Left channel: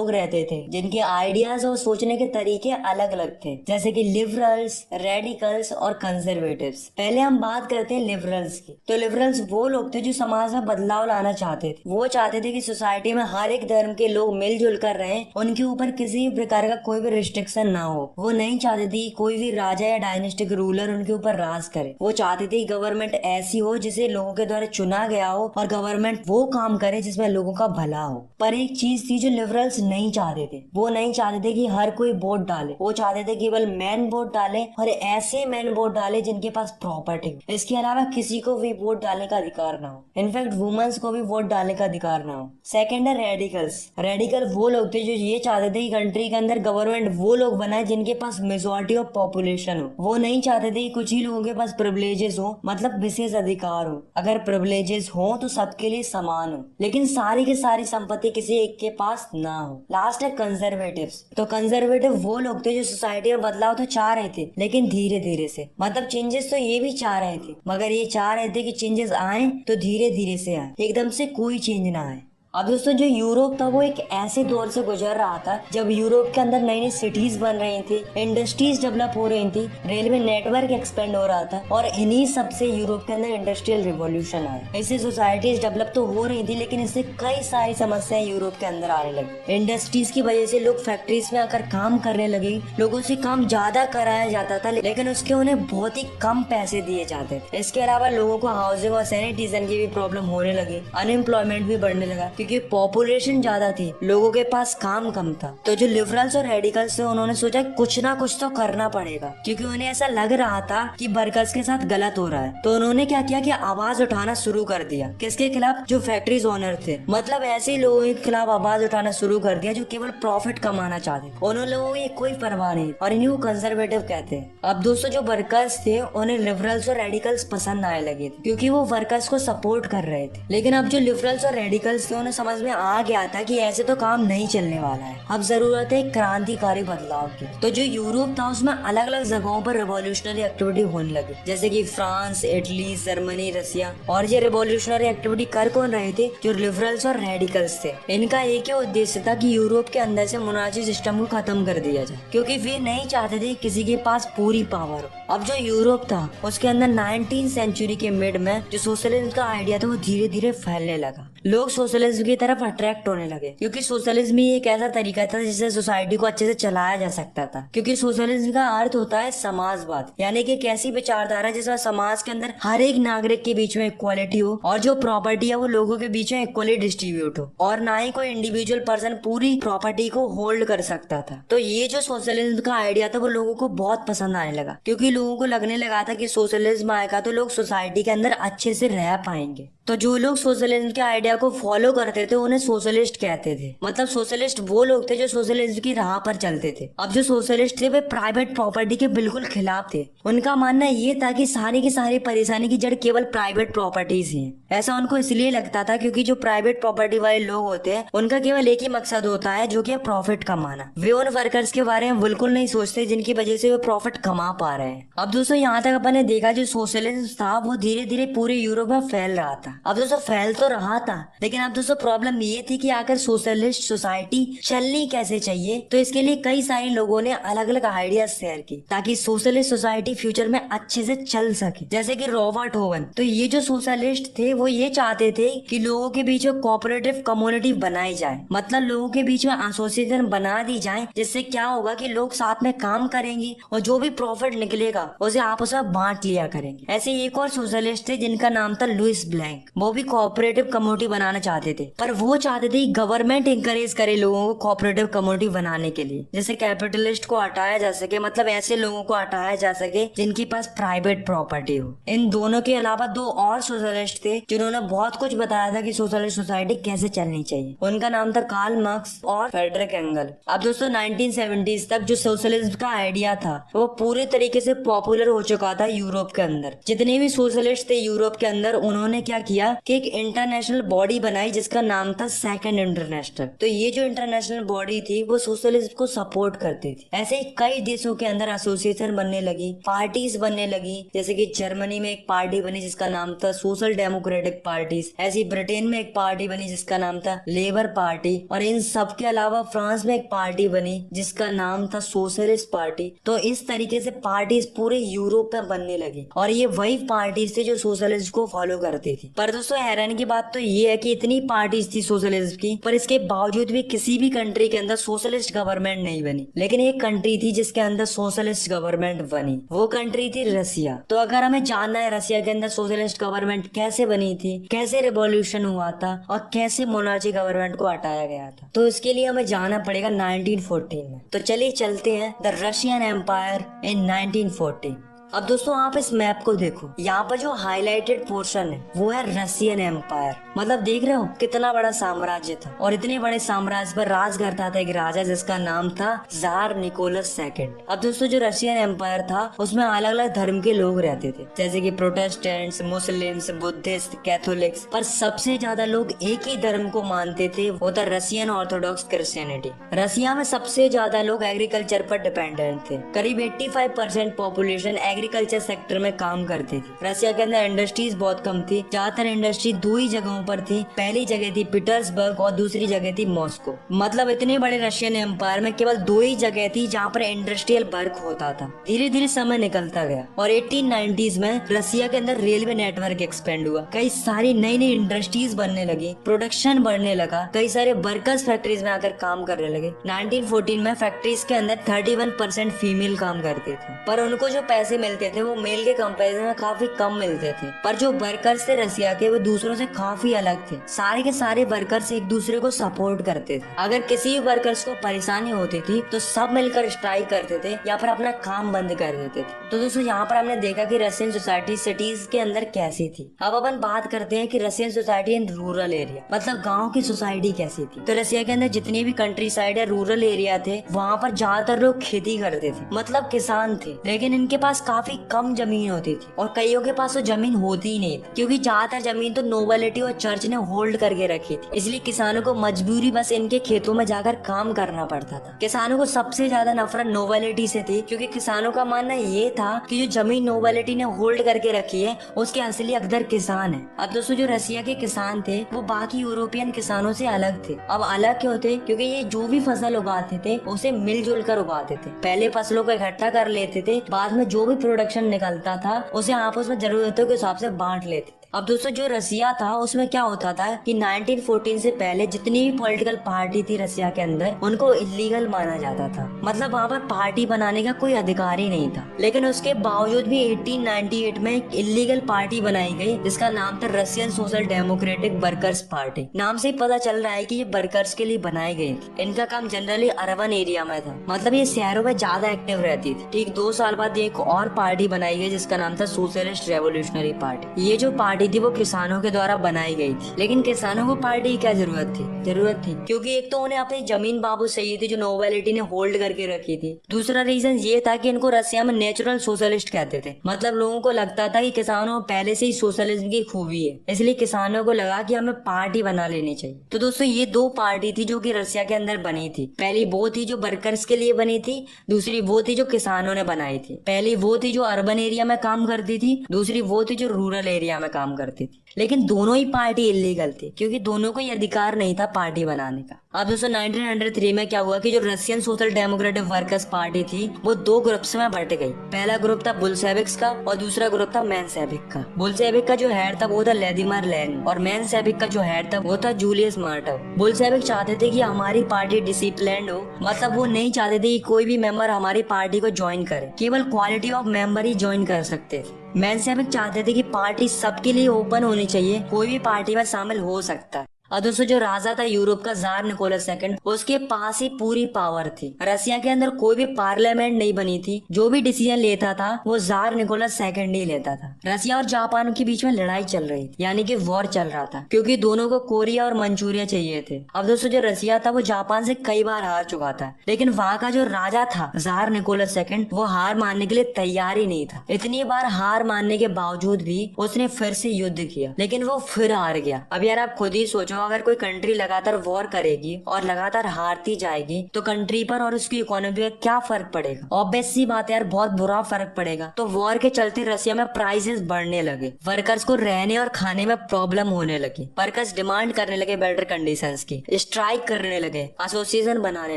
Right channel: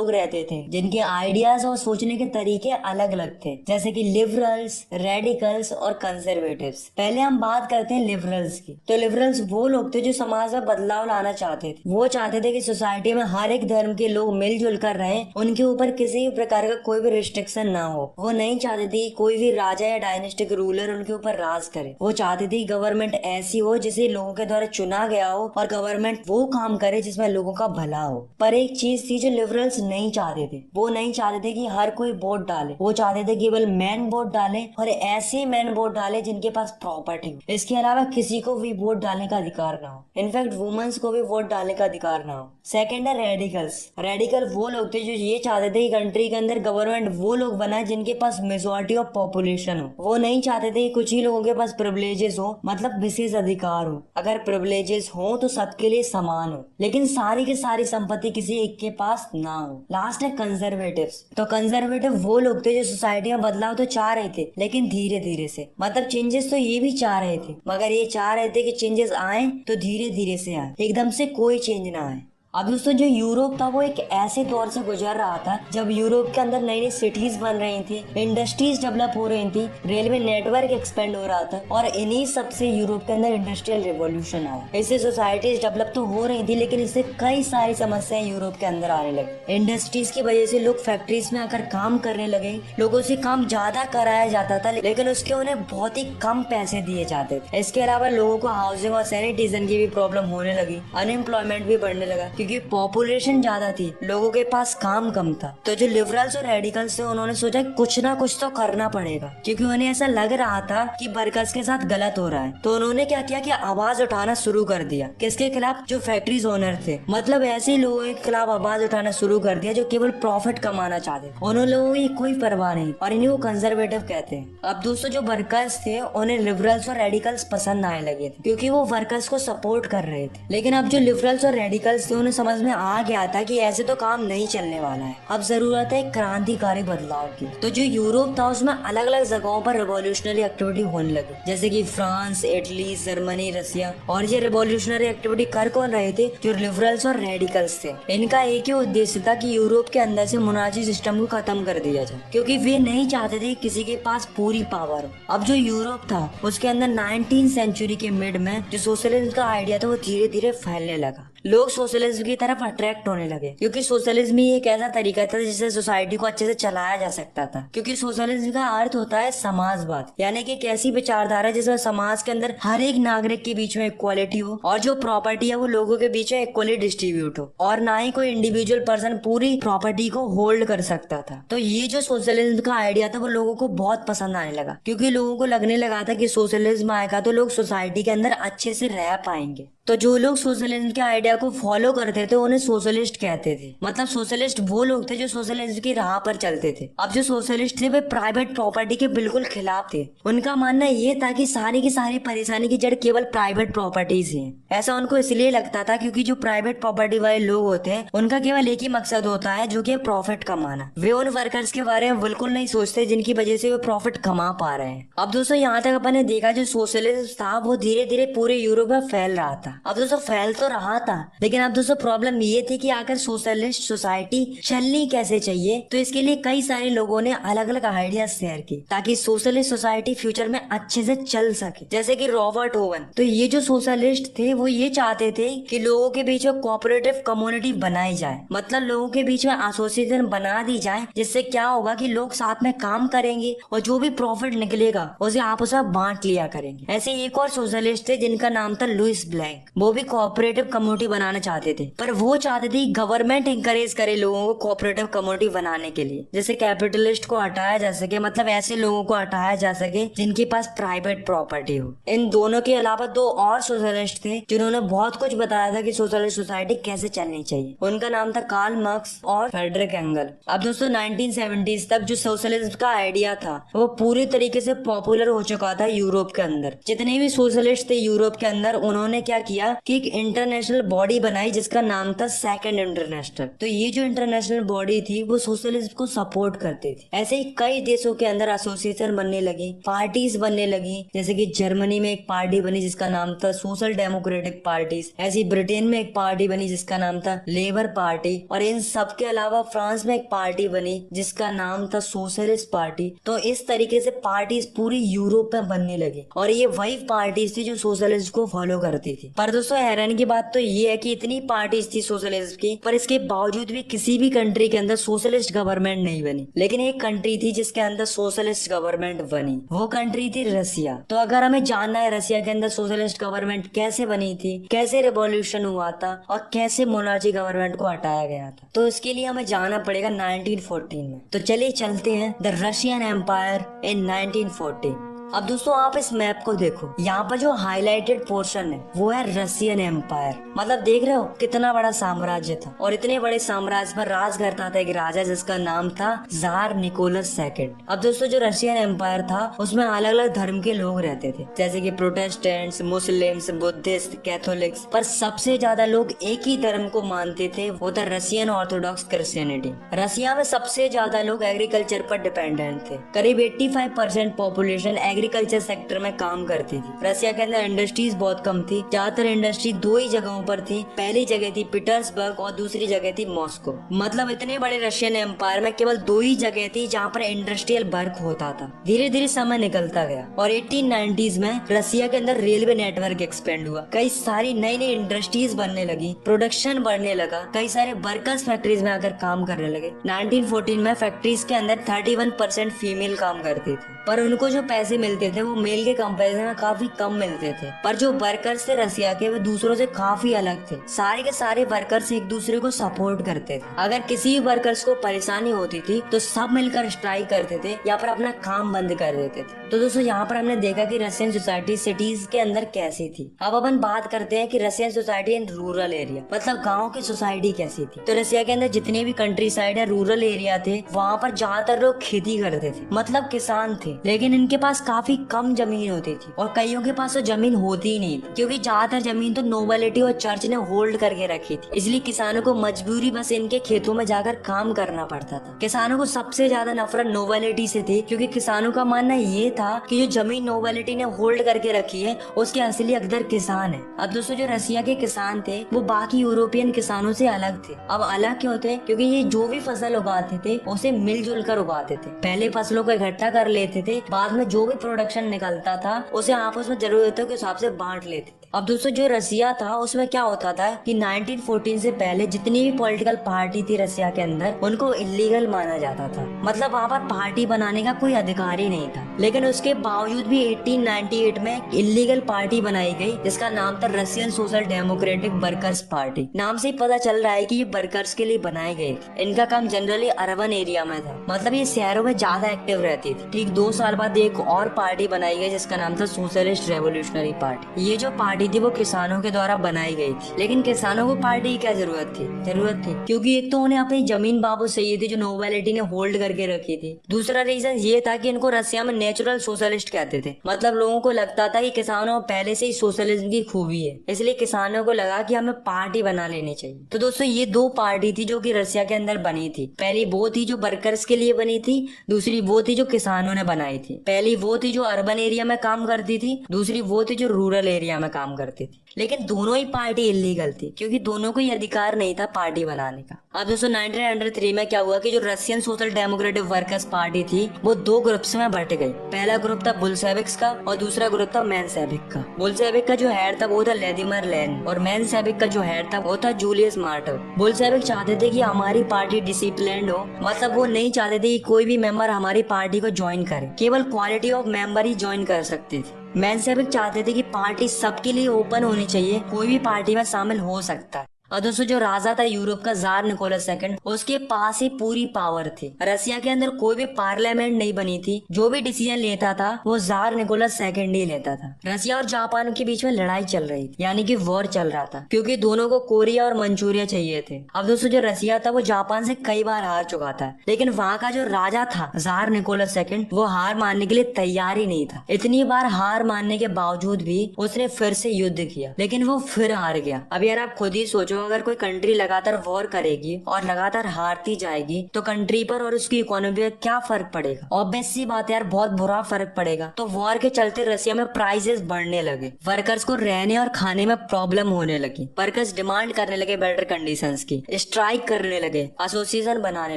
लोग रहते थे जिनके आइडियाज और सोचने के तरीके अलग अलग थे, जैसे कि लिबरल्स, रेडिकल्स और कंजर्वेटिव्स। पहले हम बात करते हैं लिबरल्स की। तो लिबरल्स वो लोग थे जो समाज में बदलाव लाना चाहते थे। वो चाहते थे कि सोसाइटी में हर एक धर्म के लोग मिलजुल कर रहे, उनके ऊपर किसी भी प्रकार का कोई भी रिस्ट्रिक्शन ना हो। वो नहीं चाहते थे कि कोई भी राजा या डायनेस्टिक रूलर उनके ऊपर राज करे। वो चाहते थे गवर्नमेंट ऐसी हो जिसे लोगों के द्वारा चुना गया हो और गवर्नमेंट वो काम करे जिसमें लोगों का भला हो। पर एक चीज थी जो लिबरल्स नहीं चाहते थे। वो नहीं चाहते थे कि हर कोई वोट डाले। वो चाहते थे केवल मैन वोट डाले और ऐसे मैन वोट डाले जिनके पास प्रॉपर्टी हो। इसके अलावा किसी को भी वोट डालने का अधिकार ना हो। इनफैक्ट वुमेन्स को भी वोट डालने का अधिकार ना हो। सेकेंड है रेडिकल्स। रेडिकल वो लोग थे जो ये चाहते थे कि कंट्री के अंदर गवर्नमेंट वो लोग बनाए जिनके पास मेजोरिटी ऑफ पॉपुलेशन हो। वो नहीं चाहते थे कि कुछ ही लोगों के पास प्रिविलेजेस हो, मतलब विशेष अधिकार हो। अगर प्रिविलेजेस हो तो सबके लिए समान हो, लेकिन सारी की सारी संपत्ति किसी एक के पास ना हो। लास्ट है कंजर्वेटिव्स। तो कंजर्वेटिव वो लोग थे जो सोसाइटी में बदलाव तो चाह रहे थे, लेकिन धीरे धीरे से, मतलब चेंजेस तो ये भी चाह रहे थे, मगर ये चाह रहे थे कि चेंजेस आए तो धीरे धीरे से आए, एकदम से कोई चेंज ना आए। अब दोस्तों जो यूरोप था वो एक ऐसे दौर से गुजर रहा था जब यूरोप के अंदर नई नई सिटीज बन रही थी, इंडस्ट्रीज डेवलप हो रही थी, रेलवे नेटवर्क एक्सपेंड हो रहा था, और इन्हीं सब से यूरोप के अंदर इंडस्ट्रियल रिवॉल्यूशन आया। इससे सोसाइटीज डेवलप तो हो रही थी, लेकिन इससे कई सारी समस्याएं यूरोप के अंदर आने लगी। इंडस्ट्रीज की वजह से लोग फैक्ट्रीज में आकर काम करने लगे। लोगों से काम ज्यादा कराया जाता था, लेकिन उसके उन्हें बहुत ही कम पैसे दिए जाते थे। इसके अलावा लोगों को हाउसिंग और सैनिटेशन की भी प्रॉब्लम होने लगी। अनएम्प्लॉयमेंट भी बढ़ने लगा क्योंकि पॉपुलेशन ज्यादा थी, लोगों के पास काम कम था। तो जो लिबरल्स और रेडिकल्स थे उन्होंने सोचा कुछ ना कुछ तो करना पड़ेगा, क्योंकि उन्हें ऐसा लग रहा था कि वर्कर्स के साथ गलत हो रहा है। तो उन्होंने क्या किया कि आवाज उठाना शुरू कर दिया। किसके खिलाफ? जो फैक्ट्रीज ओनर थे, मतलब ऐसे लोगों के खिलाफ आवाज उठाना शुरू कर दिया जो केवल प्रॉफिट कमाना चाहते। उन लोगों की कोई परवाह नहीं, और इन्हीं को कंजर्वेटिव कहते हैं। अब दोस्तों जो वर्कर्स थे उन्हें लिबरल्स और रेडिकल्स पसंद आने लगे थे, क्योंकि वो वर्कर्स को सपोर्ट कर रहे थे। लेकिन अब जो लिबरल्स और रेडिकल्स थे उन्हें समझ में आ गया था कि ऐसे तो काम नहीं चलने वाला है। अब जरूरत है क्रांतिकारी बदलाव की। तो जो यूरोप था उसमें अलग अलग जगहों पर रिवॉल्यूशनरी एक्टिविटी होने लगी, जैसे कि फ्रांस, इटली, जर्मनी, रसिया। और ये रिवॉल्यूशनरी एक्टिविटी कर कौन रहे थे? जो लिबरल्स और रेडिकल्स थे। इनका एक ही उद्देश्य था कि यूरोप के अंदर से मोनार्ची सिस्टम को खत्म कर दिया जाए, क्योंकि वे नहीं चाहते थे किसी के पास पूरी पावर हो। अब जो यूरोप था उसके अंदर 19वीं सेंचुरी के मिड में जो सोशलिज्म का आइडिया था वो धीरे धीरे फैलने लगा। लोग सोशलिज्म की तरफ अट्रैक्ट होने लगे, क्योंकि सोशलिज्म ही एक ऐसा तरीका था जिससे सोसाइटी को अच्छे से चलाया जा सकता था। क्योंकि सोशलिज्म का अर्थ होता है समाजवाद, यानी कि एक ऐसी विचारधारा जिसमें समाज के अंदर हर एक नागरिक के बीच में इक्वालिटी हो, और जो प्रॉपर्टी है वो लोगों के बीच में इक्वली डिस्ट्रीब्यूट हो, और ना ही कोई इंडिविजुअल पर्सन पूरी प्रॉपर्टी को होल्ड कर सकता था। तो ये जो सोशलिज्म का आइडिया था वो लोगों को बहुत पसंद आने लगा, क्योंकि लोगों को लगने लगा था कि सोशलिज्म आएगा तो लोग सोसाइटी के अंदर अच्छे से रह पाएंगे। तो जो लोग सोशलिज्म के आइडिया को फॉलो करते थे उन्हें सोशलिस्ट कहते थे। मतलब सोशलिस्ट वो लोग थे जो सोशलिज्म की राह पर चलते थे। अब जो सोशलिस्ट थे वे प्राइवेट प्रॉपर्टी के बिल्कुल खिलाफ थे। उनका मानना ये था कि सारी की सारी परेशानी की जड़ केवल प्राइवेट प्रॉपर्टी से है। ऐसा उनको इसलिए लगता था क्योंकि जो प्राइवेट प्रॉपर्टी वाले लोग होते हैं उनका केवल एक ही मकसद होता है, जो कि प्रॉफिट कमाना। वे उन वर्कर्स के बारे में बिल्कुल नहीं सोचते जिनकी वजह से वे प्रॉफिट कमा पा रहे हैं। अब दोस्तों यहाँ तक अपन ने देखा जो सोशलिज्म था वो धीरे धीरे पूरे यूरोप में फैल रहा था। अब दोस्तों फैल तो रहा था, लेकिन अब दोस्तों प्रॉब्लम ये थी कि आखिर सोशलिस्ट सोसाइटी चलनी कैसे चाहिए। तो इसके लिए कई सारे लोगों ने अलग अलग आइडियाज शेयर की ताकि सोशलिस्ट सोसाइटी फ्यूचर में अच्छे से चल सके, जैसे कि रॉबर्ट ओवन। तो ये जो सोशलिस्ट थे वो ये चाहते थे कि लोगों के बीच में कोऑपरेटिव कम्युनिटी बनाई जाए, मतलब लोगों के बीच में एसोसिएशन बना दी जाए, जिससे क्या होगा कि लोग साथ में काम करेंगे और जो भी प्रॉफिट निकलेगा उसे आपस में बांट लिया करेंगे। ऐसे एक और सोशलिस्ट थे जिनका नाम था लुइस ब्लैंक। वो भी कोऑपरेटिव कम्युनिटी बनाना चाहते थे, पर वो चाहते थे गवर्नमेंट इंकरेज करे लोगों को कोऑपरेटिव कम्युनिटी बनाने के लिए, जैसे कैपिटलिस्ट को हटाया जा सके, मतलब ऐसे लोगों को हटाया जा सके जिनके पास प्राइवेट प्रॉपर्टी हो। इन दोनों के अलावा दो और सोशलिस्ट थे जिन्होंने बहुत कुछ बताया था कि सोशलिस्ट सोसाइटी कैसे चलनी चाहिए। उनका नाम था कार्ल मार्क्स और फ्रेडरिक एंगल। अब दोस्तों 1970s तक जो सोशलिज्म का आइडिया था वो पूरी तरीके से पॉपुलर हो चुका था यूरोप के अंदर। जितने भी सोशलिस्ट थे यूरोप के अंदर उन्होंने क्या किया कि एक इंटरनेशनल बॉडी बनाई जिसका नाम था सेकंड इंटरनेशनल। तो ये जो इंटरनेशनल बॉडी थी वो सोशलिज्म को सपोर्ट करती थी। ऐसे ही कई देशों के अंदर एसोसिएशन बनने लगी, पार्टीज बनने लगी, जैसे कि जर्मनी में एक पार्टी बनी जिसका नाम था सोशल डेमोक्रेटिक पार्टीज। ऐसी ब्रिटेन में एक पार्टी बनी जिसका नाम था लेबर पार्टी, और इन सब के अलावा फ्रांस में एक पार्टी बनी जिसका नाम था सोशलिस्ट पार्टी। तो इस तरीके से पार्टीज पूरे यूरोप में बनने लगी, और ये वही पार्टीज थी जो सोशलिज्म को फॉलो करती थी। पर दोस्तों हैरानी की बात तो ये है कि इतनी पार्टीज थी सोशलिज्म की, पर इसके बावजूद भी किसी भी कंट्री के अंदर सोशलिस्ट गवर्नमेंट नहीं बनी। लेकिन एक कंट्री थी जिसके अंदर सोशलिस्ट गवर्नमेंट बनी, वो कंट्री थी रसिया। तो अगर हमें जानना है रसिया के अंदर सोशलिस्ट गवर्नमेंट कैसे बनी थी, कैसे रिवॉल्यूशन हुआ था और कैसे मोनार्ची गवर्नमेंट को हटाया गया था, तो इसके लिए हमें जाना पड़ेगा 1914 में। तो चलिए चलते हैं द रशियन एम्पायर इन 1914। अब दोस्तों आप इस मैप को देखो, यहाँ पर जो हाईलाइटेड पोर्शन है वो है रशियन एम्पायर। मतलब देख रहे हो कितना बड़ा साम्राज्य था, और इतने बड़े साम्राज्य पर राज करता था एक राजा जिसका नाम था जार निकोलस सेकंड। अब दोस्तों जो रशियन एम्पायर था उसमें अलग अलग धर्म के लोग रहते थे, जैसे कि प्रोटेस्टेंट्स, मुस्लिम्स, बुद्धिस्ट, कैथोलिक्स, पर सबसे ज्यादा लोग एक ही धर्म को मानते थे, वो था रशियन ऑर्थोडॉक्स क्रिश्चियनिटी। रशिया में सबसे ज्यादा लोग एग्रीकल्चर पर डिपेंडेंट थे। करीब 85% पॉपुलेशन एग्रीकल्चर सेक्टर में काम करती थी। रसिया के अंदर इंडस्ट्रीज बहुत कम थी, ज्यादातर इंडस्ट्री दो ही जगहों पर थी। पहली जगह थी पीटर्सबर्ग और दूसरी जगह थी मॉस्को। मतलब इतने बड़े रशियन एम्पायर में केवल दो ही जगह थी जहाँ पर इंडस्ट्रियल वर्क होता था। धीरे धीरे समय निकलता गया और 1890s में रसिया के अंदर रेलवे नेटवर्क एक्सपेंड हुआ, कई सारी नई नई इंडस्ट्रीज बनने लगी, प्रोडक्शन बढ़ने लगा, कई सारे वर्कर्स फैक्ट्रीज में आकर काम करने लगे। 1914 में फैक्ट्रीज के अंदर 31% फीमेल काम करते थे, पर उनको जो पैसे मिलते थे वो मेल के कंपैरिजन में काफी कम मिलते थे। पर जो वर्कर्स थे रसिया के वो दूसरों से काफी अलग थे। सारे के सारे वर्कर्स एक दूसरे को सपोर्ट करते थे। अगर किसी भी वर्कर्स को परेशानी होती थी तो सब मिलकर स्ट्राइक करते थे या फिर अपना काम बंद कर देते थे। तो दोस्तों यहाँ पर हमने देखा कि रशियन सोसाइटी सिटीज के अंदर कैसी थी। अब अपन बात करते हैं कि Russian society in rural area, मतलब गाँव की सोसाइटी कैसी थी। तो रसिया के अंदर जितने भी कंट्री साइड है, रूरल एरिया थे, वहाँ पर ज्यादातर लोग खेती करते थे, मतलब किसान थे। लेकिन इनके पास काफी कम जमीन होती थी और कईयों के पास तो जमीन होती ही नहीं थी, क्योंकि ज्यादातर जमीन तो नोबिलिटी और चर्च ने होल्ड करके रखी थी। इसलिए किसानों को मजबूरी बस इनके खेतों में जाकर काम करना पड़ता था। किसानों को सबसे ज्यादा नफरत नोबिलिटी से थी, क्योंकि किसानों का मानना ये था कि जो जमीन नोबिलिटी ने होल्ड करके रखी है उसके असली हकदार किसान है। अब दोस्तों जो रसिया के किसान थे वो बाकी यूरोपियन किसानों से अलग थे। अब अलग क्यों थे? क्योंकि ये जो भी फसल उगाते थे उसे मिलजुल कर उगाते थे। पहले फसलों को इकट्ठा कर लेते थे, बाद में जो भी प्रोडक्शन निकलता था उसे आपस में जरूरतों के हिसाब से बांट लेते थे। अब दोस्तों जो रसिया था उसमें क्या होता था कि 1914 से पहले जितनी भी पॉलिटिकल पार्टी थी रसिया के अंदर उनको इलीगल माना जाता था, मतलब वहाँ पर पार्टी बनाने का कोई अधिकार ही नहीं था। लेकिन उसके बावजूद भी 1898 में एक इलीगल पार्टी बनाई गई जिसका नाम था Russian social democratic workers party. नाम से ही पता चल रहा है कि ये वर्कर्स के लिए बनाई गई थी। इनका काम जनरली अर्बन एरिया में था, मतलब ये शहरों में ज्यादा एक्टिव रहती थी। ठीक 2 साल बाद एक और पार्टी बनाई गई जिसका नाम था सोशलिस्ट रेवोल्यूशनरी पार्टी। ये जो पार्टी थी वो किसानों के द्वारा बनाई गई थी। लेकिन किसानों को पार्टी की क्या जरूरत थी क्योंकि एक तो उन्हें अपनी जमीन वापस चाहिए थी जो नोबिलिटी ने होल्ड करके रखी थी। दूसरा रीजन ये था कि इनको रसिया में नेचुरल सोशलिस्ट कहते थे, मतलब लोगों को लगता था कि किसानों में पहले से ही सोशलिज्म की खूबी है, इसलिए किसानों को लगा कि हमें पार्टी बना लेनी चाहिए। तो दोस्तों ये दो पार्टी थी जो कि रसिया के अंदर बनी थी। पहली वो थी जो वर्कर्स के लिए बनी थी, दूसरी वो थी जो किसानों ने बनाई थी। पहली वो थी जो अर्बन एरिया में काम करती थी, दूसरी वो थी जो रूरल एरिया में काम करती थी। लेकिन दोनों ही पार्टी इलीगल थी क्योंकि दोनों को ये अधिकार नहीं था पार्टी बनाने का। अब दोस्तों 1903 में क्या हुआ कि जो Russian social democratic workers party थी वो 2 ग्रुप्स में बट गई। पहला ग्रुप था बुल्शेविक्स का और दूसरा ग्रुप था मेंशेविक का। बुल्शेविक का जो हेड था वो था व्लादिमीर लेनिन और मेंशेविक का जो हेड था वो था जूलियस मार्टव। बुल्शेविक चाहते थे कि हमारी पार्टी डिसिप्लिन्ड हो, मतलब वो नहीं चाहते थे कि कोई भी मेंबर हमारी पार्टी को ज्वाइन करे, केवल quality of member he join कर सकते थे। मेंशेविक चाहते थे कि पार्टी सबके लिए ओपन होनी चाहिए, कोई भी पार्टी में शामिल हो सकता है। और दोस्तों जो राजा था यूरोप का, जार निकोलस सेकंड, उसके पास ही पूरी पावर थी। रसिया के अंदर कोई भी पार्लियामेंट नहीं बनी थी, जो भी डिसीजन लेता था वो जार निकोलस सेकंड ही लेता था। रसिया और जापान के बीच में लड़ाई चल रही थी, यानी कि वॉर चल रहा था, क्योंकि दोनों को कोरिया और मंचूरिया चाहिए थे। अब दोस्तों जो रसिया था वो जापान से कई बार हार चुका था, लेकिन वहाँ का जो राजा था जार निकोलस सेकंड, वो हार मानने के लिए तैयार ही नहीं था। इतनी बार हार मानने के बावजूद भी उसने फिर से युद्ध किया, लेकिन वो फिर हार गया। अब यार आप खुद ही सोचो, अगर कोई कंट्री लगातार वॉर करेगी और लगातार हारती जाएगी तो कंट्री पर और उसकी इकोनॉमी पर क्या फर्क पड़ेगा? ऑब्वियस सी बात है यार, बहुत बुरा फर्क पड़ेगा। तो वॉर के चलते रसिया में प्राइसेस बढ़ने लगे, वर्कर्स को रहने और खाने में प्रॉब्लम होने लगी, वर्कर्स डिमांड करने लगे बेटर कंडीशंस की, स्ट्राइक करने लगे, एसोसिएशन बनाने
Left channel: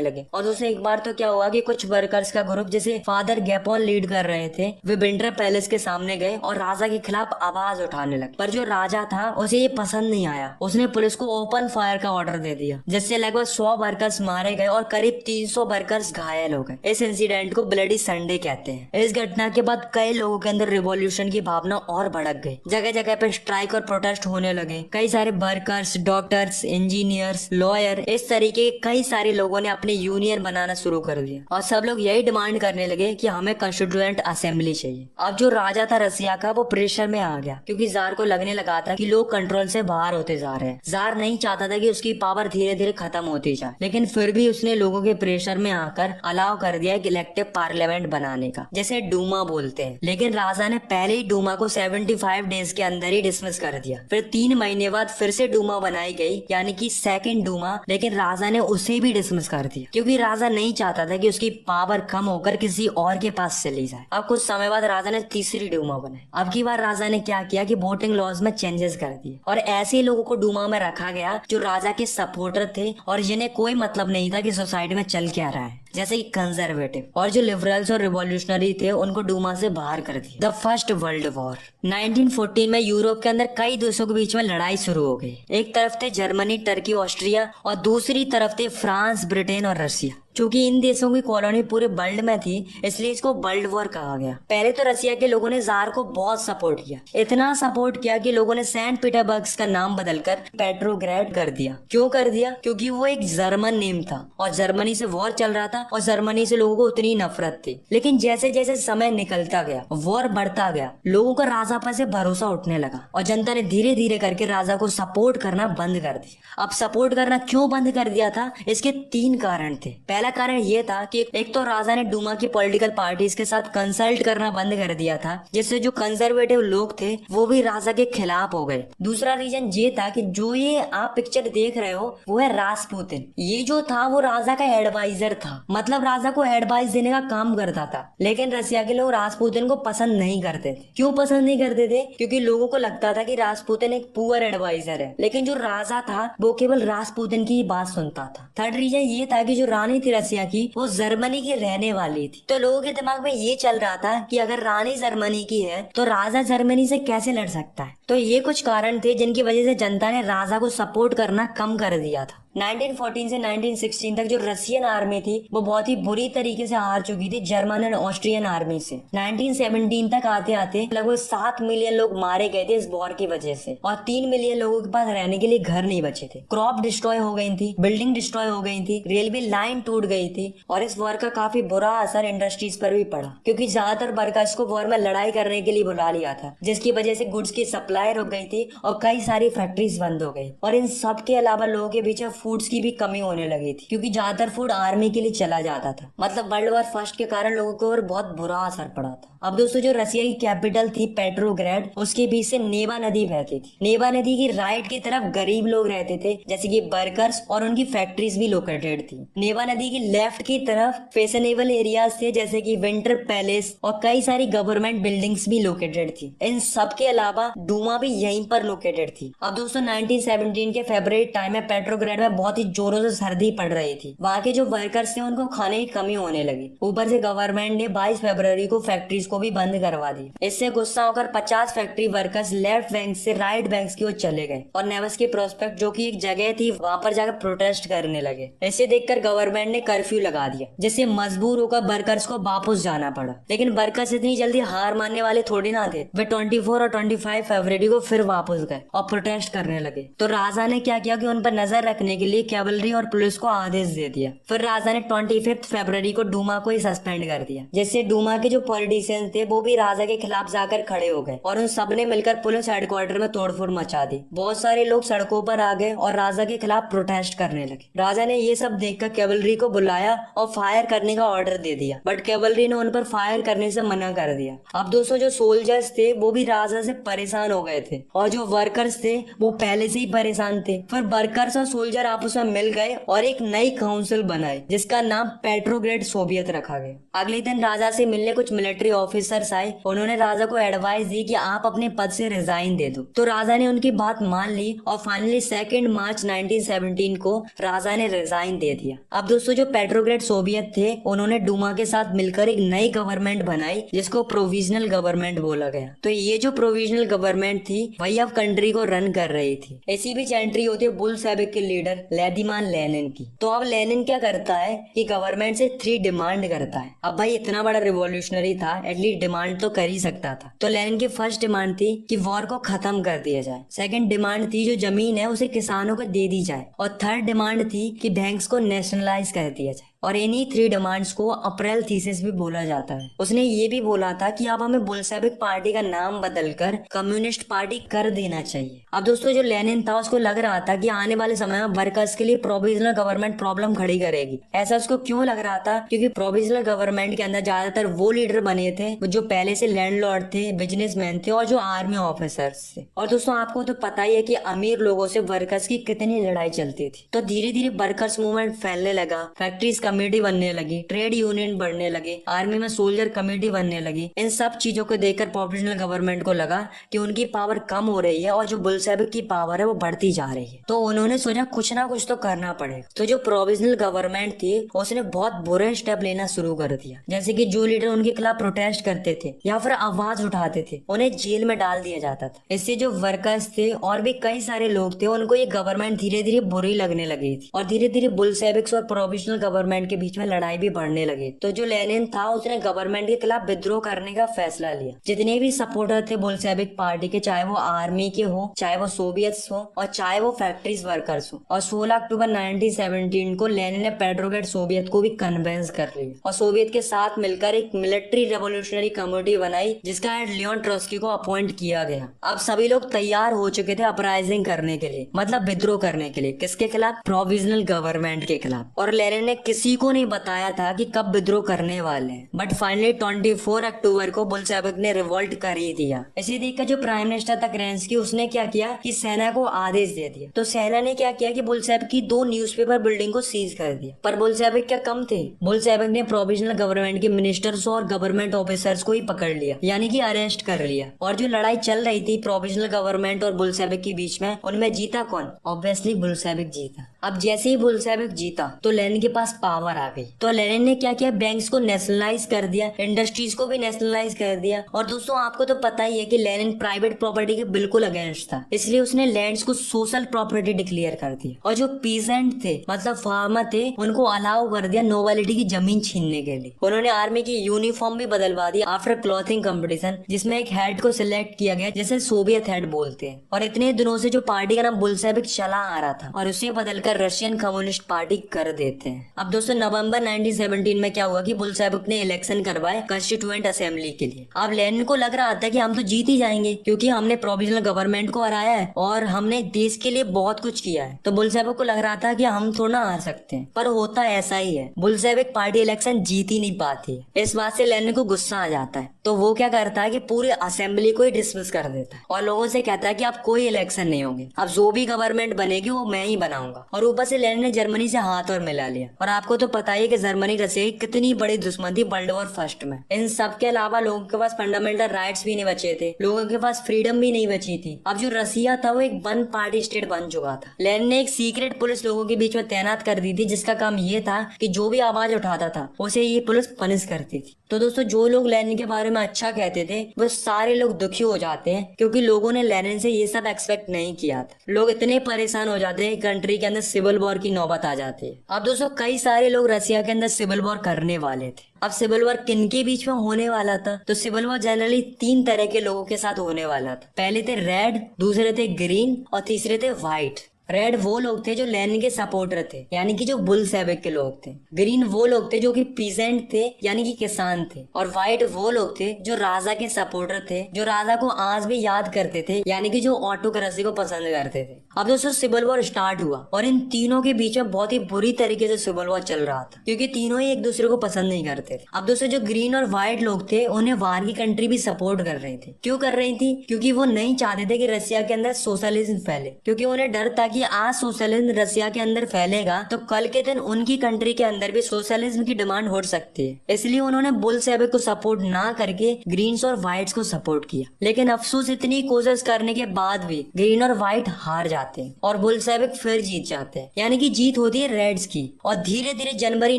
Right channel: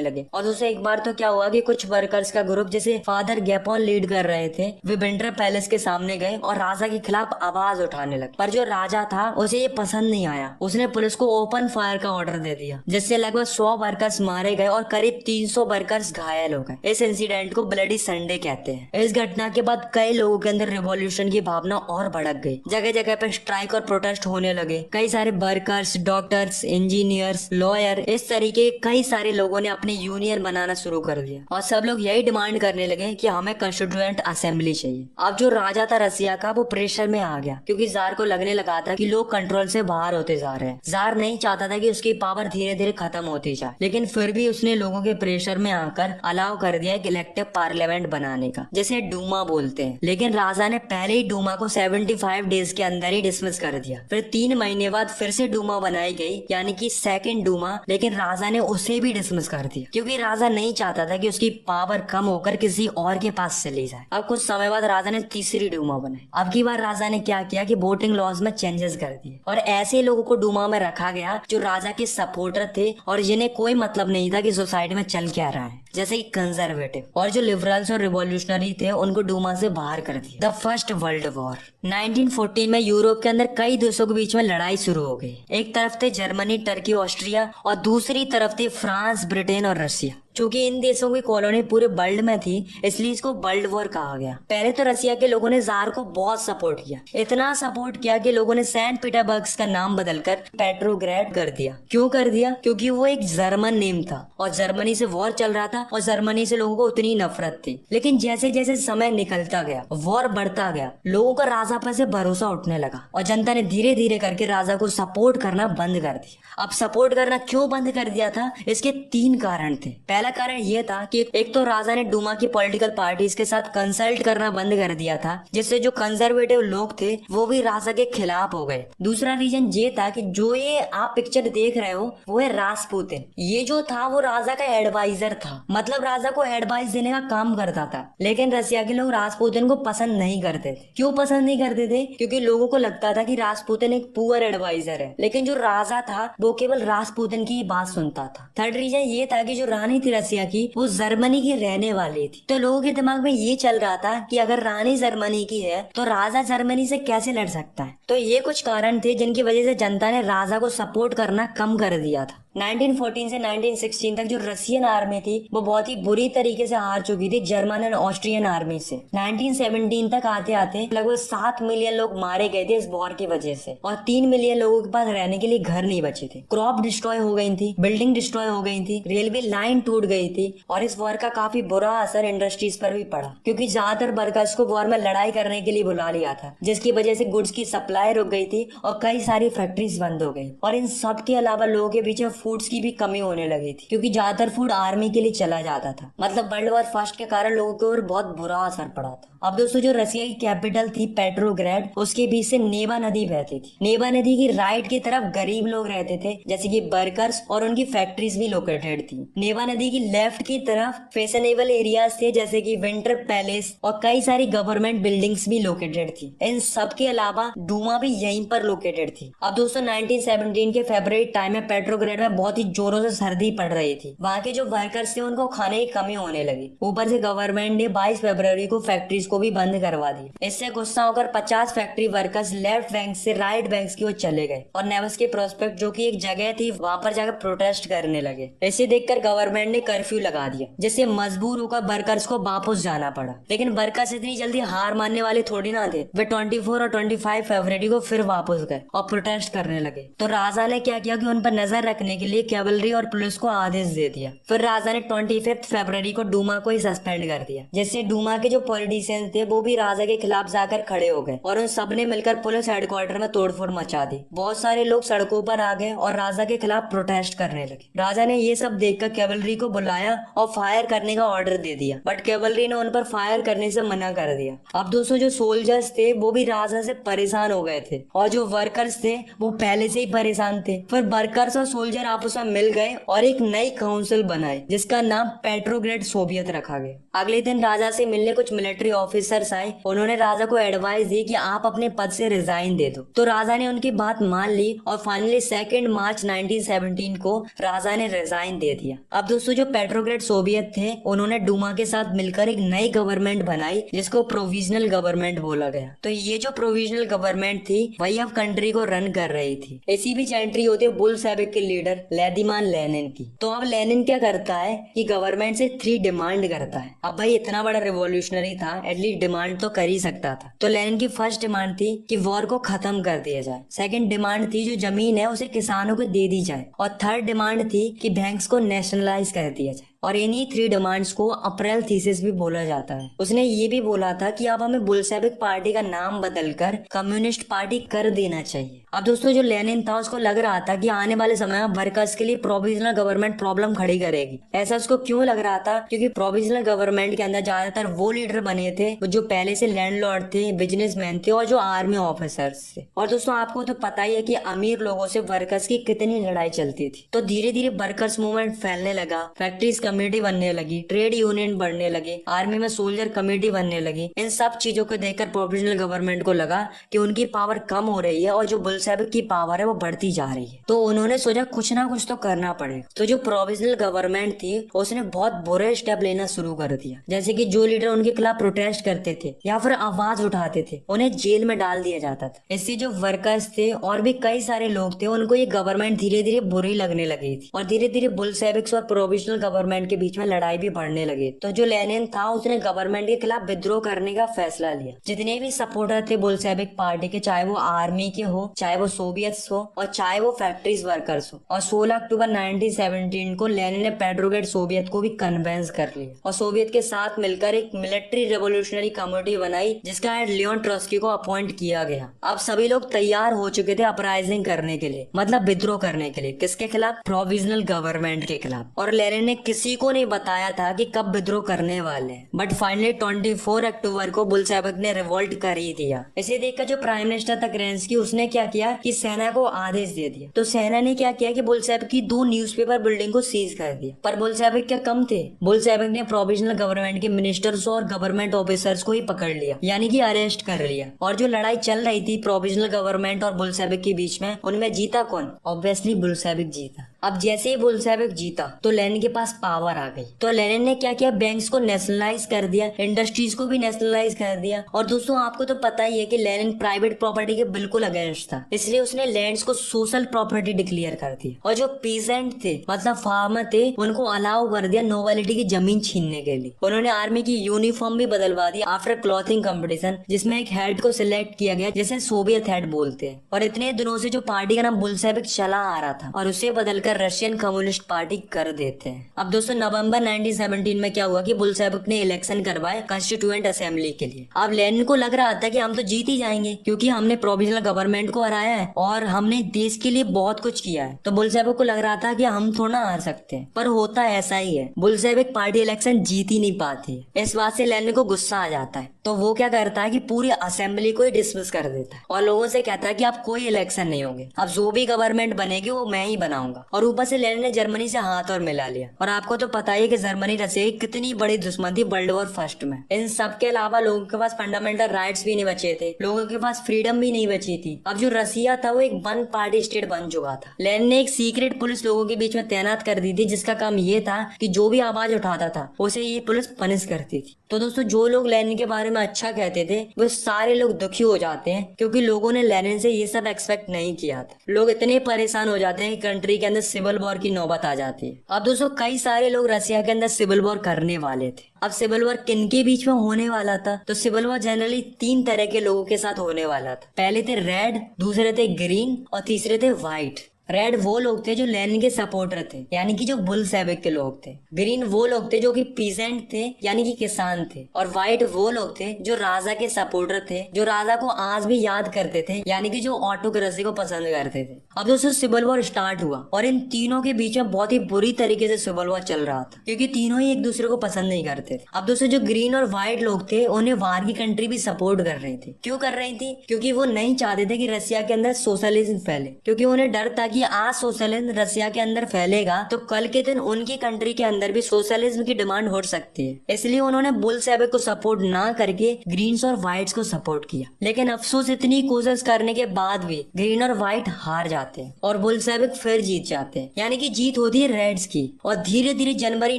लगे। और दोस्तों एक बार तो क्या हुआ कि कुछ वर्कर्स का ग्रुप, जिसे फादर गैपोन लीड कर रहे थे, वे विंटर पैलेस के सामने गए और राजा के खिलाफ आवाज उठाने लगे। पर जो राजा था उसे ये पसंद नहीं आया, उसने पुलिस को ओपन फायर का ऑर्डर दे दिया, जिससे लगभग 100 वर्कर्स मारे गए और करीब 300 वर्कर्स घायल हो गए। इस इंसिडेंट को ब्लडी संडे कहते हैं। इस घटना के बाद कई लोगों के अंदर रिवॉल्यूशन की भावना और भड़क गई, जगह जगह पे स्ट्राइक और प्रोटेस्ट होने लगे। कई सारे वर्कर्स, डॉक्टर्स, इंजीनियर्स, लॉयर, इस तरीके कई सारे लोगों ने अपने यूनियन बनाना शुरू कर दिया और सब लोग यही डिमांड करने लगे कि हमें कॉन्स्टिट्यूएंट असेंबली चाहिए। अब जो राजा था रसिया का, वो प्रेशर में आ गया, क्योंकि जार को लगने लगा था कि लोग कंट्रोल से बाहर होते जा रहे हैं। जार नहीं चाहता था कि उसकी पावर धीरे धीरे खत्म होती जाए, लेकिन फिर भी उसने लोगों के प्रेशर में आकर अलाउ कर दिया एक इलेक्टिव पार्लियामेंट बनाने का, जिसे डूमा बोलते हैं। लेकिन राजा ने पहले ही डूमा को 75 डेज के अंदर ही डिसमिस कर दिया। फिर 3 महीने बाद फिर से डूमा बनाई गई, यानी कि सेकंड डूमा, लेकिन राजा ने उसे भी डिसमिस कर दिया, क्योंकि राजा नहीं चाहता था कि उसकी पावर कम होकर किसी और के पास चली जाए। अब कुछ समय बाद राजा ने तीसरी डूमा बनाई। अब की बार राजा ने क्या किया कि वोटिंग लॉज में चेंजेस कर दिए और ऐसे लोगों को डूमा में रखा गया जो राजा के सपोर्टर थे और जिन्हें कोई मतलब नहीं था कि सोसाइटी में चल क्या रहा है, जैसे कि कंजर्वेटिव। और जो लिबरल्स और रिवॉल्यूशनरी थे उनको डूमा से बाहर कर दिया। द फर्स्ट वर्ल्ड वॉर 1914 में यूरोप के अंदर कई देशों के बीच में लड़ाई शुरू हो गई। एक तरफ थे जर्मनी, टर्की, ऑस्ट्रिया और दूसरी तरफ थे फ्रांस, ब्रिटेन और रसिया। चूंकि इन देशों की कॉलोनी पूरे वर्ल्ड में थी, इसलिए इसको वर्ल्ड वॉर कहा गया। पहले तो रसिया के लोगों ने जार को बहुत सपोर्ट किया, इतना सपोर्ट किया कि लोगों ने सेंट पीटरबर्ग का नाम बदलकर पेट्रोग्रेड कर दिया। क्यों कर दिया? क्योंकि वो एक जर्मन नेम था और जर्मनी से वॉर चल रहा था और जर्मनी से लोगों को उतनी नफरत थी। लेकिन जैसे जैसे समय निकलता गया, वॉर बढ़ता गया, लोगों का राजा पर से भरोसा उठने लगा और जनता ने धीरे धीरे करके राजा को सपोर्ट करना बंद कर दिया। अब सपोर्ट करना क्यों बंद कर दिया था? इसके 3 कारण थे। पहला कारण यह था कि एक तो राजा ने डूमा की पॉलिटिकल पार्टीज के साथ कंसल्ट करना बंद कर दिया था, जिससे जो कंजर्वेटिव लोग थे वो भी राजा के खिलाफ हो गए। दूसरा रीजन ये था कि जो ये आप पिक्चर देख रहे हो वो है रासपुतिन। ये जो था वो राजा का एडवाइजर था, मतलब राजा को एडवाइस देने का काम करता था। लेकिन रसिया के लोग रासपुतिन को पसंद नहीं करते थे। क्यों पसंद नहीं करते थे? क्योंकि लोगों को लगता था कि रासपुतिन एक पुअर एडवाइजर है, लेकिन जो राजा था वो केवल रासपुतिन की बात सुनता था। थर्ड रीजन ये था कि जो रानी थी रसिया की, वो जर्मनी की रहने वाली थी। तो लोगों के दिमाग में ये चल रहा था कि अगर रानी जर्मनी की है तो राजा जर्मनी से कैसे लड़ सकता है। तो ये कुछ कारण थे जिनकी वजह से जनता ने राजा को सपोर्ट करना कम कर दिया था। 1914 से 1916 तक जो रशियन आर्मी थी वो बहुत ही बुरी तरीके से हार चुकी थी जर्मन और ऑस्ट्रियन आर्मी से। 1917 तक आते आते लगभग 7 मिलियन लोग मारे गए थे इस वॉर की वजह से और 3 मिलियन लोगों के पास रहने के लिए घर नहीं बचे थे। क्रॉप डिस्ट्रॉय हो गई थी, बिल्डिंग डिस्ट्रॉय हो गई थी, रेलवे लाइन टूट गई थी और इस वॉर का काफी बुरा असर इंडस्ट्रीज पर भी पड़ा, क्योंकि ज्यादातर वर्कर्स को वॉर में लड़ाई करने के लिए बुला लिया था, जिसकी वजह से गुड्स की सप्लाई रुक गई थी और कई सारी फैक्ट्रीज बंद हो गई। और इन सब के अलावा लोगों के बीच में फूड्स की भी कमी होने लगी थी, क्योंकि ज्यादातर फूड आर्मी के लिए चला जाता था। मतलब वर्ल्ड वॉर फर्स्ट के कारण लोगों के ऊपर बहुत बुरा असर पड़ा था। अब दोस्तों जो रसिया की कैपिटल थी पेट्रोग्रेड, उसके बीच से नेवा नदी बहती थी। नेवा नदी की राइट की तरफ गरीब लोग रहते थे, जैसे कि वर्कर्स, और उनकी फैक्ट्रीज भी लोकेटेड थी। नेवा नदी की लेफ्ट की तरफ फैशनेबल एरियाज थे, जैसे कि विंटर पैलेस, और कई सारी गवर्नमेंट बिल्डिंग्स भी लोकेटेड थी। इन सब के अलावा डूमा भी यहीं पर लोकेटेड थी। अब दोस्तों 1917 के फरवरी टाइम में पेट्रोग्रेड में बहुत ही जोरों से सर्दी पड़ रही थी। वहाँ के जो वर्कर्स थे उनको खाने की कमी होने लगी। ऊपर से गवर्नमेंट ने 22 फरवरी को फैक्ट्रीज को भी बंद करवा दिया। इससे गुस्सा होकर 50 फैक्ट्री वर्कर्स लेफ्ट बैंक से राइट बैंक की ओर चले गए और नेवस्की प्रोस्पेक्ट जो कि एक जगह थी वहां पर जाकर प्रोटेस्ट करने लगे। इसे देखकर गवर्नमेंट ने कर्फ्यू लगा दिया, जिससे मजबूर होकर वर्कर्स को वापस जाना पड़ा। लेकिन वर्कर्स इतनी जल्दी हार मानने वाले थोड़ी ना थे। वे 24 और 25 फरवरी को फिर वापस गए और प्रोटेस्ट करने लगे। तो राजा ने क्या किया कि उन पर नजर रखने के लिए कैवलरी और पुलिस को आदेश दे दिया। फिर राजा ने 25 फरवरी को डूमा को ही सस्पेंड कर दिया, जिससे डूमा के जो पॉलिटिशियन थे वो भी राजा के खिलाफ जाकर खड़े हो गए और उन सब ने मिलकर पुलिस हेडक्वार्टर में तोड़फोड़ मचा दी। बहुत सारे लोग सड़कों पर आ गए और राजा के खिलाफ प्रोटेस्ट करने लगे। राजा ने ये सब देखकर कैवलरी को बुलाया और फायर करने का ऑर्डर दे दिया, बट कैवलरी ने उन पर फायर करने से मना कर दिया। अब दोस्तों जो सोल्जर्स थे वो भी राजा से परेशान हो गए थे और जो वर्कर्स थे वो पहले से ही परेशान थे। फिर वर्कर्स और सोल्जर आपस में मिल गए और एक नई काउंसिल बनाई जिसका नाम पेट्रोग्रेड सोवियत रखा गया। अगले दिन राजा से मिलने कुछ मिलिट्री ऑफिसर्स आए। उन्होंने राजा को एडवाइस दी कि आप अपने पद से रिजाइन दे दो। तो राजा ने उनकी बात मान ली और फाइनली 2 मार्च 1917 को राजा ने रिजाइन दे दिया। अब दोस्तों जो पेट्रोग्रेड सोवियत थे उन्होंने डूमा के साथ मिलकर एक नई गवर्नमेंट बनाई जिसको प्रोविजनल गवर्नमेंट बोला गया। तो ये जो प्रोविजनल गवर्नमेंट थी वही अब कंट्री को रन कर रही थी। इसी बीच एंट्री होती है बुल्शेविक के लीडर व्लादिमीर लेनिन की। तो अब लेनिन क्या करता है कि गवर्नमेंट से 3 डिमांड करता है। अब भाई इतना बड़ा रिवॉल्यूशनरी था, एटलीस्ट डिमांड तो कर ही सकता था। तो लेनिन की फर्स्ट डिमांड थी कि वॉर को खत्म कर दिया जाए। सेकंड डिमांड थी जो जमीन है उसे किसानों को दे दी जाए और थर्ड डिमांड थी कि बैंक्स को नेशनलाइज कर दिया जाए। और इन्हीं 3 डिमांड्स को अप्रैल थीसिस भी बोला जाता है। उसने ये भी बोला था कि अब हमें बुल्शेविक पार्टी का नाम बदलकर कम्युनिस्ट पार्टी कर देना चाहिए। अब दोस्तों जो लेनिन था उसको लग रहा था कि आने वाले समय में वर्कर्स के लिए प्रोविजनल गवर्नमेंट प्रॉब्लम खड़ी करेगी। ऐसा उसको क्यों लग रहा था? क्योंकि प्रोविजनल गवर्नमेंट के अंदर ज्यादातर वो लीडर बने थे जो पहले से लैंडलॉर्ड थे, बिजनेसमैन थे और जो आर्मी ऑफिसर्स थे। और दोस्तों आपको तो पता ही है कि अमीर लोगों से वर्कर्स की कितनी लड़ाई चलती थी। तो धीरे धीरे वर्कर्स मूवमेंट फैलने लगा, फैक्ट्रीज कमेटी बनने लगी, ट्रेड यूनियन बढ़ने लगे, आर्मी में सोल्जर कमेटी बनने लगी। इन सब चीजों को देखकर प्रोविजनल गवर्नमेंट को लगा कि उनकी पावर कम हो रही है और जो बुल्शेविक की पावर है वो बढ़ती जा रही है। तो उन्होंने सोचा कुछ ना कुछ तो करना पड़ेगा। तो जो प्रोविजनल गवर्नमेंट थी उसने बहुत बुरे स्टेप लेना शुरू कर दिया, जैसे कि जो लीडर उनके खिलाफ प्रोटेस्ट करते थे या फिर आवाज उठाते थे उन्हें जेल में डाल दिया जाता था। इससे जो वर्कर्स थे और भी कई सारे लोग थे उनको ये गवर्नमेंट धीरे धीरे बुरी लगने लगी थी और धीरे धीरे बुल्शेविक्स और प्रोविजनल गवर्नमेंट के बीच में लड़ाई भी बढ़ने लगी। तो जो लेनिन था उसने गवर्नमेंट के खिलाफ विद्रोह करने का फैसला लिया। जितने भी सपोर्टर थे बुल्शेविक पार्टी के, चाहे वो आर्मी के हो, चाहे वो सोवियट्स हो और चाहे वो फैक्ट्रीज वर्कर्स हो। और 16 अक्टूबर 1917 को लेनिन ने पेट्रोग्रेड सोवियत को भी कन्वेंस कर लिया और सोवियत के साथ मिलकर एक मिलिट्री रेवोल्यूशनरी कमेटी बनाई जिसका हेड लियोन ट्रोत्स्की को अपॉइंट किया गया। अब सभी लोग तैयार हो चुके थे अपराइजिंग करने के लिए, मतलब विद्रोह करने के लिए। किसके खिलाफ? प्रोविजनल गवर्नमेंट के खिलाफ। और लेनिन ने किसी को नहीं बताया था कि कब विद्रोह करने वाले हैं, बट फाइनली 24 अक्टूबर को बुल्शेविक ने रिवोल्ट कर ही दिया। इसे देखकर जो प्राइम मिनिस्टर था केरेंस्की उसने क्या किया कि सेना को आदेश दे दिया। तो सेना ने क्या किया कि बुल्शेविक की 2 न्यूज़पेपर बिल्डिंग को सीज कर दिया। पर बुल्शेविक क्या कम थे? बुल्शेविक ने प्रोविजनल गवर्नमेंट के मिनिस्टर्स और गवर्नमेंट ऑफिसर्स को ही पकड़ लिया, यानी कि अरेस्ट कर लिया। और जो लड़ाई चल रही थी प्रोविजनल गवर्नमेंट और बुल्शेविक के बीच में, उनमें जीता कौन? ऑब्वियसली बुल्शेविक जीता। अब जैसे ही बुल्शेविक जीता तो लेनिन के पास पावर आ गई। तो लेनिन ने क्या किया? बैंक्स को नेशनलाइज कर दिया, इंडस्ट्रीज को भी नेशनलाइज कर दिया। और दोस्तों आपको तो पता ही है कि लेनिन प्राइवेट प्रॉपर्टी के बिल्कुल अगेंस्ट था, इसलिए उसने लैंड्स को सोशल प्रॉपर्टी डिक्लेयर कर दिया। और जो पीजेंट थे, मतलब फार्मर थे, उनको अलाउ कर दिया नोबिलिटी की जमीन छीनने के लिए। उन्होंने आर्मी की यूनिफॉर्म भी बदलवा दी आफ्टर क्लॉथिंग कंपटीशन, जिसमें एक हेड को सिलेक्ट किया गया जिसे सोवियत हेड बोलते हैं। और इतने दिनों से जो पार्टी का नाम बुल्शेविक चला आ रहा था और उसे बदलकर रशियन कम्युनिस्ट पार्टी कर देते हैं। अब दोस्तों नवंबर 1917 में क्या हुआ कि बुल्शेविक ने इलेक्शन करवाए कॉन्स्टिट्यूएंट असेंबली के लिए। अब लेनिन को लग रहा था कि हम तो जीत ही जाएंगे क्योंकि हमने प्रोविजनल गवर्नमेंट को हराया है और हमने देश के लिए बहुत कुछ किया है। तो बुल्शेविक को लग रहा था कि हम थोड़ा हार सकते हैं, पर होता ऐसा ही है, बुल्शेविक पार्टी इलेक्शन जीत ही नहीं पाती। इस बात से लेनिन को गुस्सा आ जाता है। तो वो क्या करता है कि पूरी असेंबली को ही डिसमिस कर देता है और लोगों से कहता है कि आप कोई इलेक्शन नहीं होंगे, अब जो भी गवर्नमेंट बनेगी वो मैं ही बनाऊंगा। और और ऊपर से लेनिन ने जर्मनी से हाथ और मिला लिया। और आपको तो पता ही कि जर्मनी रसिया की कितनी बड़ी दुश्मन थी वर्ल्ड वॉर फर्स्ट में। इन सब के अलावा लोगों के पास फंडामेंटल राइट्स भी नहीं बचे थे, लोगों के पास फ्रीडम भी नहीं बची थी। अब जो रसिया था वो एक वन पार्टी स्टेट बन चुका था। लेनिन ने एक सीक्रेट पुलिस लोगों के बीच में तैनात कर दी थी, जिसका काम ये था कि जो भी आवाज उठाता था उसे ये पुलिस पनिश करती थी। तो दोस्तों, जो लोग लेनिन के बारे में अच्छा कहते थे वो सारे लोग दुखी हो जाते हैं, क्योंकि लोगों ने लेनिन से ये सब एक्सपेक्ट नहीं किया था। लोग इतने परेशान हो जाते हैं कि कंट्री के अंदर सिविल वॉर की नौबत आ जाती है। अब दोस्तों, कई सारे लोग रसिया के अंदर सिविल वॉर करने वाले थे। अब सिविल वॉर किन के बीच में होने वाला था? तो सिविल वॉर जनरली 3 तरह के लोगों के साथ होने वाला था। पहले थे रेड, दूसरे थे ग्रीन और तीसरे थे व्हाइट। रेड वो लोग थे जो लेनिन के सपोर्टर थे, यानी कि जो बुल्शेविक के लोग थे। ग्रीन वो लोग थे जो कि पीजेंट थे, यानी कि किसान थे। और व्हाइट वो लोग थे जो राजा के सपोर्टर थे, जो राजा को आज भी याद करते थे, यानी कि जो ऑटोक्रेसी को पसंद करते थे। अब दोस्तों, सिविल वॉर स्टार्ट हुआ और इन तीनों के बीच में बहुत ही बुरी तरीके से सिविल वॉर चल रहा था, क्योंकि तीनों ही एक दूसरे को पसंद नहीं करते थे। अब दोस्तों, जो ग्रीन और व्हाइट लोग थे उन्हें बाहर की कंट्री भी सपोर्ट कर रही थी। क्यों कर रही थी? क्योंकि वो नहीं चाहते थे कि रसिया के अंदर सोशलिज्म फैले, क्योंकि उन्हें डर था कि आज सोशलिज्म रसिया के अंदर फैलेगा तो कल के दिन उनकी कंट्री के अंदर भी सोशलिज्म की डिमांड हो सकती है। इसलिए उन्होंने बुल्शेविक को सपोर्ट ना करके ग्रीन्स और व्हाइट्स को सपोर्ट किया। लेकिन अफसोस, इतनी कोशिश करने के बाद भी ग्रीन और व्हाइट हार जाते हैं और बुल्शेविक फिर जीत जाते हैं, यानी कि जीत होती है रेड्स की। और धीरे धीरे जनवरी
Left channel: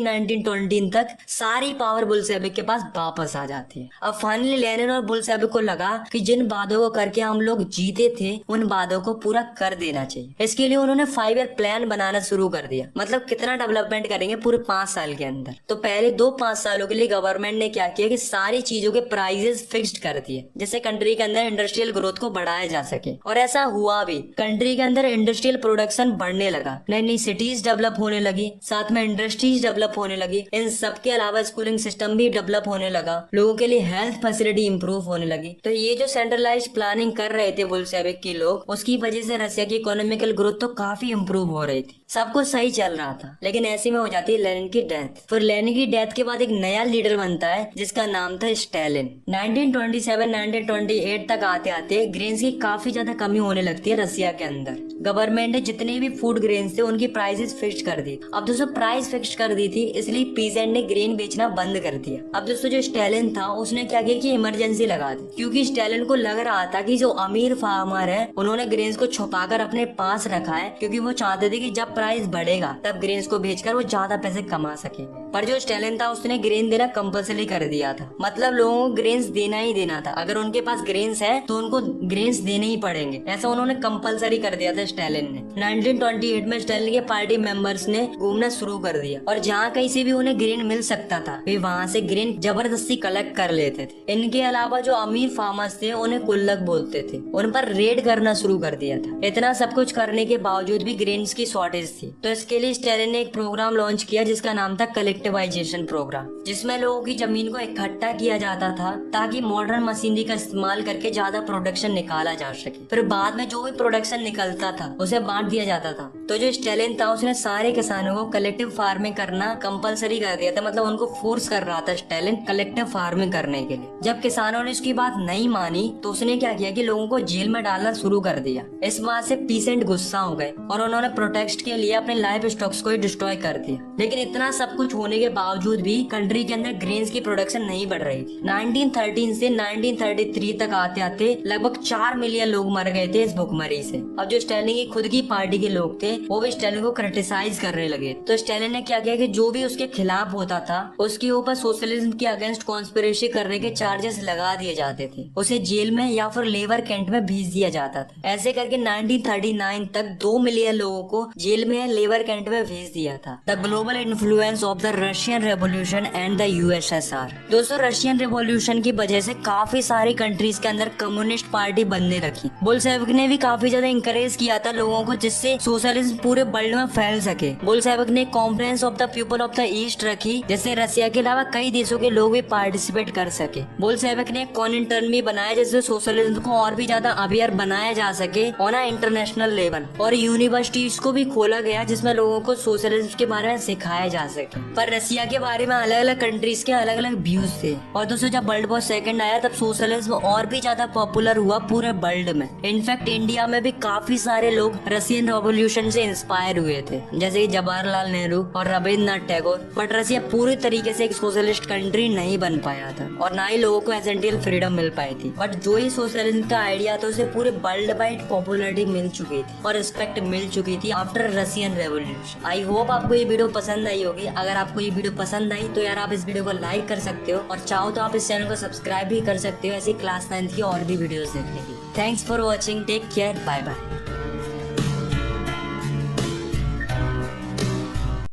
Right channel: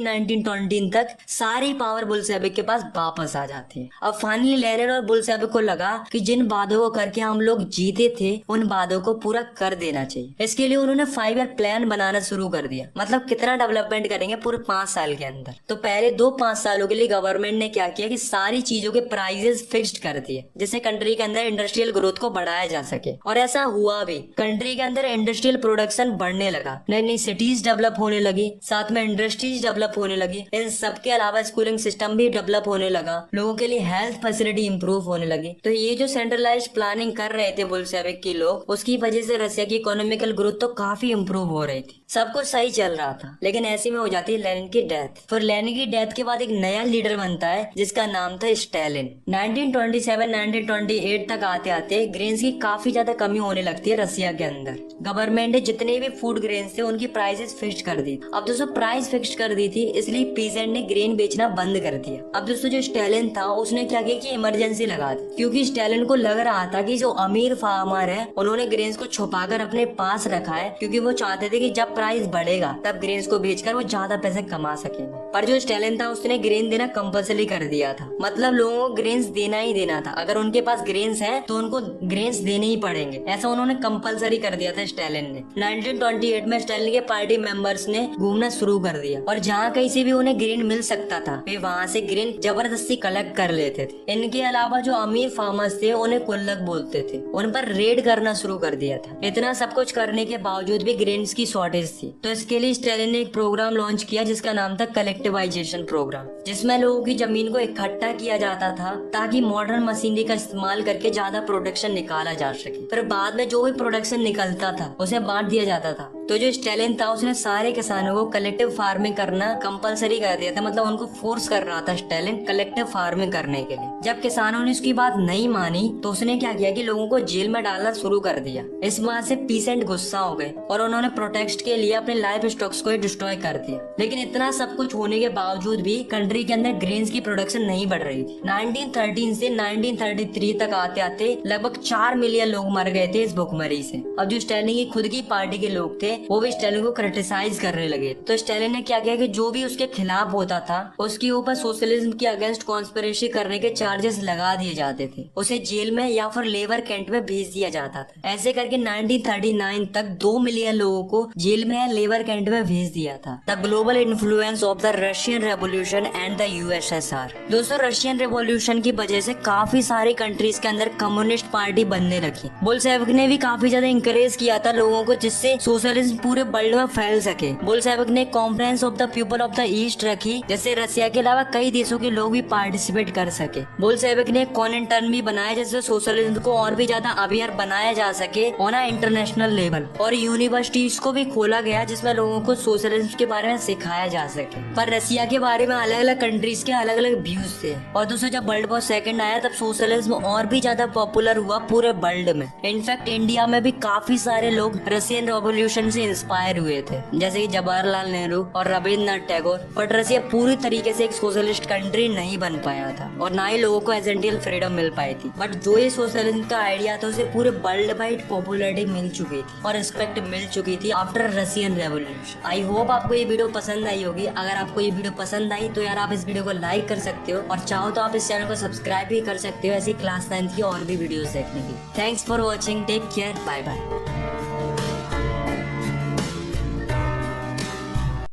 1920 तक सारी पावर बुल्शेविक के पास वापस आ जाती है। अब फाइनली लेनिन और बुल्शेविक को लगा कि जिन वादों को करके हम लोग जीते थे उन वादों को पूरा कर देना चाहिए। इसके लिए उन्होंने 5 ईयर प्लान बनाना शुरू कर दिया। मतलब कितना डेवलपमेंट करेंगे पूरे 5 साल के अंदर। तो पहले 5 सालों के लिए गवर्नमेंट ने क्या किया कि सारी चीजों के प्राइसेस फिक्स्ड कर दिए, जिससे कंट्री के अंदर इंडस्ट्रियल ग्रोथ को बढ़ाया जा सके। और ऐसा हुआ भी। कंट्री के अंदर इंडस्ट्रियल प्रोडक्शन बढ़ने लगा, नई नई सिटीज डेवलप होने लगी, साथ में इंडस्ट्रीज डेवलप होने लगी। इन सब के अलावा स्कूलिंग सिस्टम भी डेवलप होने लगा, लोगों के लिए हेल्थ फैसिलिटी इंप्रूव होने लगी। तो ये जो सेंट्रलाइज्ड प्लानिंग कर रहे थे बुल्शेविक के लोग, उसकी वजह से रसिया की इकोनॉमिकल ग्रोथ तो काफी इंप्रूव हो रही थी, सब कुछ सही चल रहा था। लेकिन ऐसे में हो जाती है लेनिन की डेथ। फिर लेनिन की डेथ के बाद एक नया लीडर बनता है जिसका नाम था स्टालिन। 1927-1928 तक आते आते ग्रेन्स की काफी ज्यादा कमी होने लगती है रसिया के अंदर। गवर्नमेंट ने जितने भी फूड ग्रेन्स थे उनकी प्राइसेस फिक्स कर दी। अब दोस्तों, प्राइस फिक्स कर दी थी, इसलिए पीजेंट ने ग्रेन बेचना बंद कर दिया। अब दोस्तों, जो स्टालिन था उसने क्या किया कि इमरजेंसी लगा दी, क्योंकि स्टालिन को लग रहा था कि जो अमीर फार्मर है उन्होंने ग्रेन्स को छुपाकर अपने पास रखा है, क्योंकि वो चाहते थे कि जब प्राइस बढ़ेगा तब ग्रेन्स को बेचकर वो ज्यादा पैसे कमा सके। पर जो स्टालिन था उसने ग्रेन देना कंपल्सरी कर दिया था, मतलब लोगों को ग्रेन्स देना ही देना था। अगर उनके पास ग्रेन्स है तो उनको ग्रेन्स देने ही पड़ेंगे, ऐसा उन्होंने कंपल्सरी कर दिया था स्टालिन ने। 1928 में स्टालिन के पार्टी मेंबर्स ने घूमना शुरू कर दिया और जहाँ कहीं से भी उन्हें ग्रेन मिल सकता था वे वहाँ से ग्रेन जबरदस्ती कलेक्ट कर लेते थे। इनके अलावा जो अमीर फार्मर्स थे उन्हें गुल्लक बोलते थे, उन पर रेड करना शुरू कर दिया था। इतना सब कुछ करने के बावजूद भी ग्रेन्स की शॉर्टेज थी, तो इसके लिए स्टालिन ने एक प्रोग्राम लॉन्च किया जिसका नाम था कलेक्टिवाइजेशन प्रोग्राम, जिसमें लोगों की जमीन को इकट्ठा किया जाता था ताकि मॉडर्न मशीनरी का इस्तेमाल करके ज्यादा प्रोडक्शन निकाला जा सके। फिर बाद में जो भी प्रोडक्शन निकलता था उसे बांट दिया जाता था। तो जो स्टालिन था उसने सारे किसानों को कलेक्टिव फार्मिंग करना कंपलसरी कर दिया था, मतलब उनको फोर्स कर रहा था स्टालिन कलेक्टिव फार्मिंग करने के लिए। जब किसानों ने उसकी बात नहीं मानी तो उसने क्या किया कि लोगों को जेल में डालना शुरू कर दिया। इस बात से पीसेंट गुस्सा हो गए और उन्होंने प्रोटेस्ट के लिए अपने लाइफ स्टॉक्स को डिस्ट्रॉय कर दिया। लेकिन इतना सब कुछ होने के बावजूद भी कंट्री के अंदर ग्रेन्स की प्रोडक्शन नहीं बढ़ रही थी। 1913 से 1933 तक आते आते लगभग 4 मिलियन लोग मर गए थे इस भुखमरी से। अब जो स्टालिन की खुद की पार्टी के लोग थे वो भी स्टालिन को क्रिटिसाइज करने लगे। तो स्टालिन ने क्या किया कि जो भी उसके खिलाफ होता था उसके ऊपर सोशलिज्म के अगेंस्ट कॉन्स्पिरेसी करने के चार्जेस लगा दिए जाते थे, उसे जेल में या फिर लेबर कैंप में भेज दिया जाता था। ऐसे करके 1939 तक 2 मिलियन लोगों को जेल में या लेबर कैंप में भेज दिया था। The global influence of the Russian revolution and the USSR. दोस्तों, रशियन रेवोल्यूशन की वजह से काफी सारी कंट्रीज के अंदर कम्युनिस्ट पार्टी बनने लगी। बुल्शेविक ने भी काफी ज्यादा इंकरेज किया था लोगों को, जिससे सोशलिज्म पूरे वर्ल्ड में फैल सके। बुल्शेविक ने conference of the people of the east रखी, जिससे रशिया के अलावा कई देशों के लोग भी पार्टिसिपेट कर सके। बुल्शेविक ने कॉमिनटर्न भी बनाया, जिससे सोशलिज्म को और भी ज्यादा अवेयर बनाया जा सके ऑन अ इंटरनेशनल लेवल। और यूनिवर्सिटीज को भी खोला गया जिसमें लोगों को सोशलिज्म के बारे में सिखाया जा सके। पर रशिया के बारे में अलग अलग कंट्रीज के अलग अलग व्यूज थे। और दोस्तों, जब वर्ल्ड वॉर सेकंड आया तब सोशलिज्म और भी ज्यादा पॉपुलर हुआ पूरे वर्ल्ड में। इनफैक्ट इंडिया में भी काफी सारे सारे लोग रशियन रेवोल्यूशन से इंस्पायर हुए थे, जैसे कि जवाहरलाल नेहरू और रविंद्रनाथ टैगोर। बट रसिया पूरी तरीके से एक सोशलिस्ट कंट्री नहीं बन पाया था और ना ही लोगों को एसेंशियल फ्रीडम मिल पाई थी। बट जो ही सोशलिज्म का आइडिया था उसे पूरे वर्ल्ड वाइड पॉपुलैरिटी मिल चुकी थी और रिस्पेक्ट मिल चुकी थी after Russian revolution. I hope आपको ये वीडियो पसंद आई होगी। अगर आपको ये वीडियो पसंद आई तो यार आप इस वीडियो को लाइक कर सकते हो और चाहो तो आप इस चैनल को सब्सक्राइब भी कर सकते हो ऐसी क्लास 9 की और भी वीडियोस देखने की। Thanks for watching, take care, bye bye.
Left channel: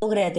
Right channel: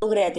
लोग रहते